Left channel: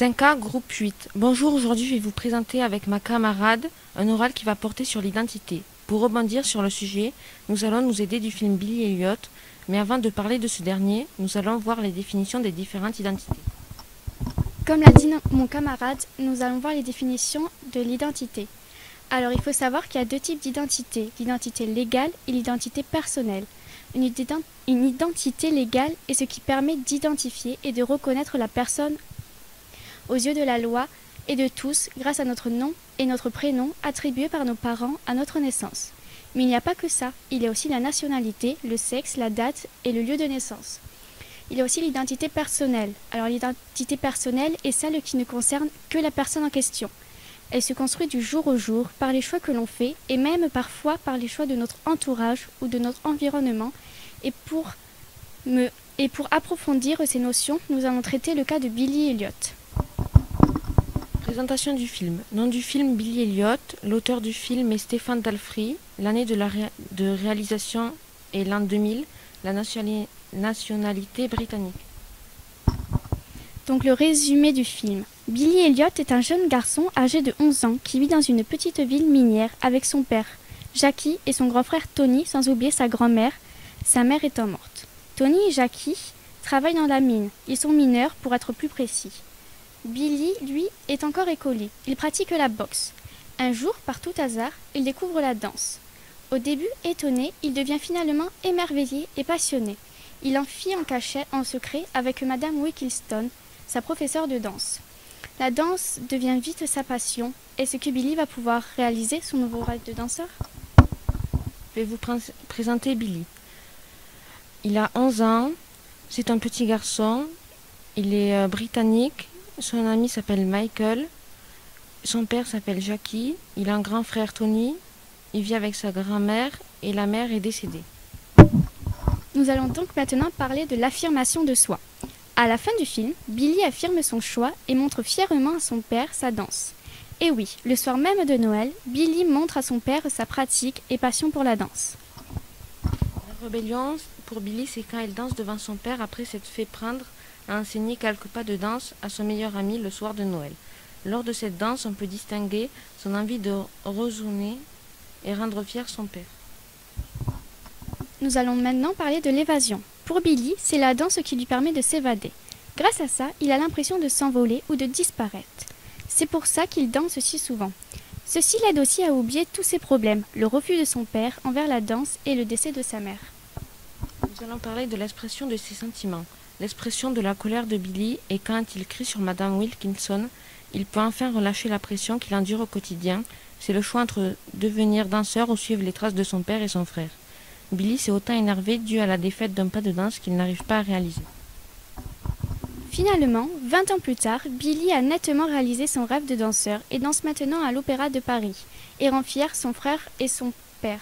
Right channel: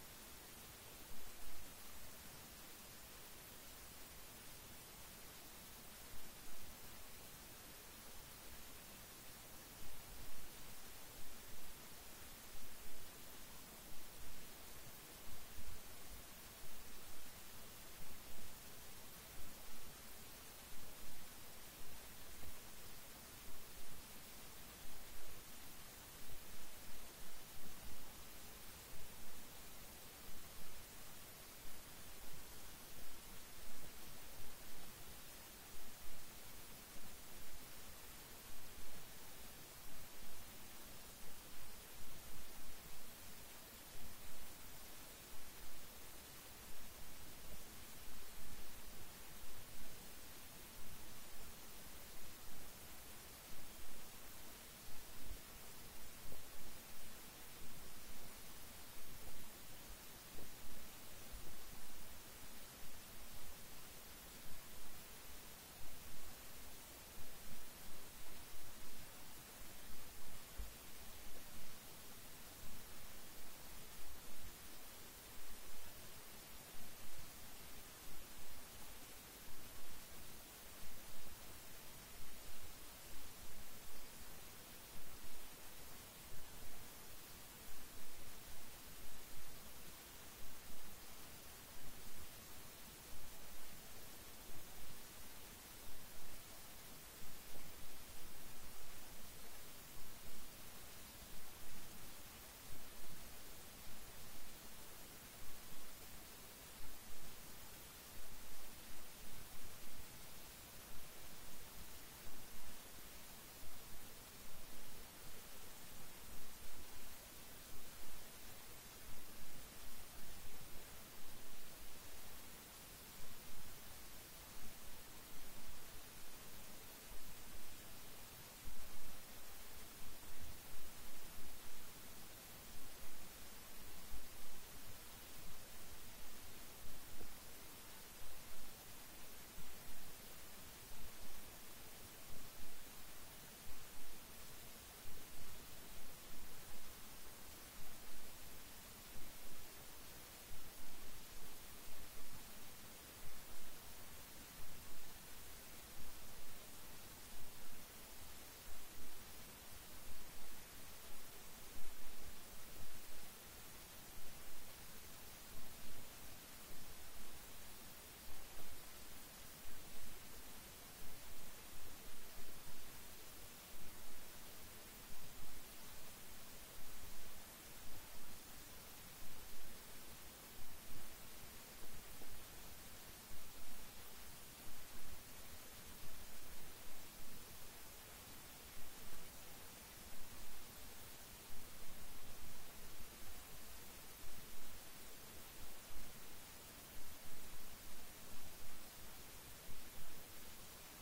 5A, groupe 8. Bonjour, aujourd'hui je vais vous présenter avec ma camarade un oral qui va porter sur l'identité. Pour rebondir sur le sujet, nous allons nous aider du film Billy Elliot, mais avant de parler de ce dernier, nous allons voir les définitions des différentes identités. Comme l'a dit mon camarade, nous allons voir les définitions de l'identité. Alors il faut savoir qu'il y a deux types d'identité, l'identité légale et l'identité personnelle. Une identité légale est ce qui permet d'identifier et de reconnaître la personne aux yeux de la loi et de tous grâce à notre nom et notre prénom attribués par nos parents à notre naissance. Mais il n'y a pas que ça, il y a aussi la nationalité, le sexe, la date et le lieu de naissance. Il y a aussi l'identité personnelle. Alors l'identité personnelle est celle qui ne concerne que la personne en question. Elle se construit du jour au jour par les choix que l'on fait et même parfois par les choix de notre entourage ou de notre environnement. Et pour approfondir ces notions, nous allons traiter le cas de Billy Elliot. Présentation du film. Nom du film Billy Elliot. L'auteur du film est Stéphane Dalfry. L'année de réalisation est l'an 2000. La nationalité britannique. Donc le résumé du film. Billy Elliot est un jeune garçon âgé de 11 ans qui vit dans une petite ville minière avec son père, Jackie, et son grand frère Tony, sans oublier sa grand-mère, sa mère étant morte. Tony et Jackie travaillent dans la mine. Ils sont mineurs pour être plus précis. Billy, lui, est encore écolier. Il pratique la boxe. Un jour, par tout hasard, il découvre la danse. Au début étonné, il devient finalement émerveillé et passionné. Il en fit en cachette, en secret, avec Madame Wilkinson, sa professeure de danse. La danse devient vite sa passion. Est-ce que Billy va pouvoir réaliser son nouveau rêve de danseur? Je vais vous présenter Billy. Il a 11 ans, c'est un petit garçon, il est britannique, son ami s'appelle Michael, son père s'appelle Jackie, il a un grand frère Tony, il vit avec sa grand-mère et la mère est décédée. Nous allons donc maintenant parler de l'affirmation de soi. À la fin du film, Billy affirme son choix et montre fièrement à son père sa danse. Et oui, le soir même de Noël, Billy montre à son père sa pratique et passion pour la danse. La rébellion pour Billy, c'est quand il danse devant son père après s'être fait prendre à enseigner quelques pas de danse à son meilleur ami le soir de Noël. Lors de cette danse, on peut distinguer son envie de rejouer et rendre fier son père. Nous allons maintenant parler de l'évasion. Pour Billy, c'est la danse qui lui permet de s'évader. Grâce à ça, il a l'impression de s'envoler ou de disparaître. C'est pour ça qu'il danse si souvent. Ceci l'aide aussi à oublier tous ses problèmes, le refus de son père envers la danse et le décès de sa mère. Nous allons parler de l'expression de ses sentiments. L'expression de la colère de Billy est quand il crie sur Madame Wilkinson. Il peut enfin relâcher la pression qu'il endure au quotidien. C'est le choix entre devenir danseur ou suivre les traces de son père et son frère. Billy s'est autant énervé dû à la défaite d'un pas de danse qu'il n'arrive pas à réaliser. Finalement, 20 ans plus tard, Billy a nettement réalisé son rêve de danseur et danse maintenant à l'Opéra de Paris et rend fier son frère et son père.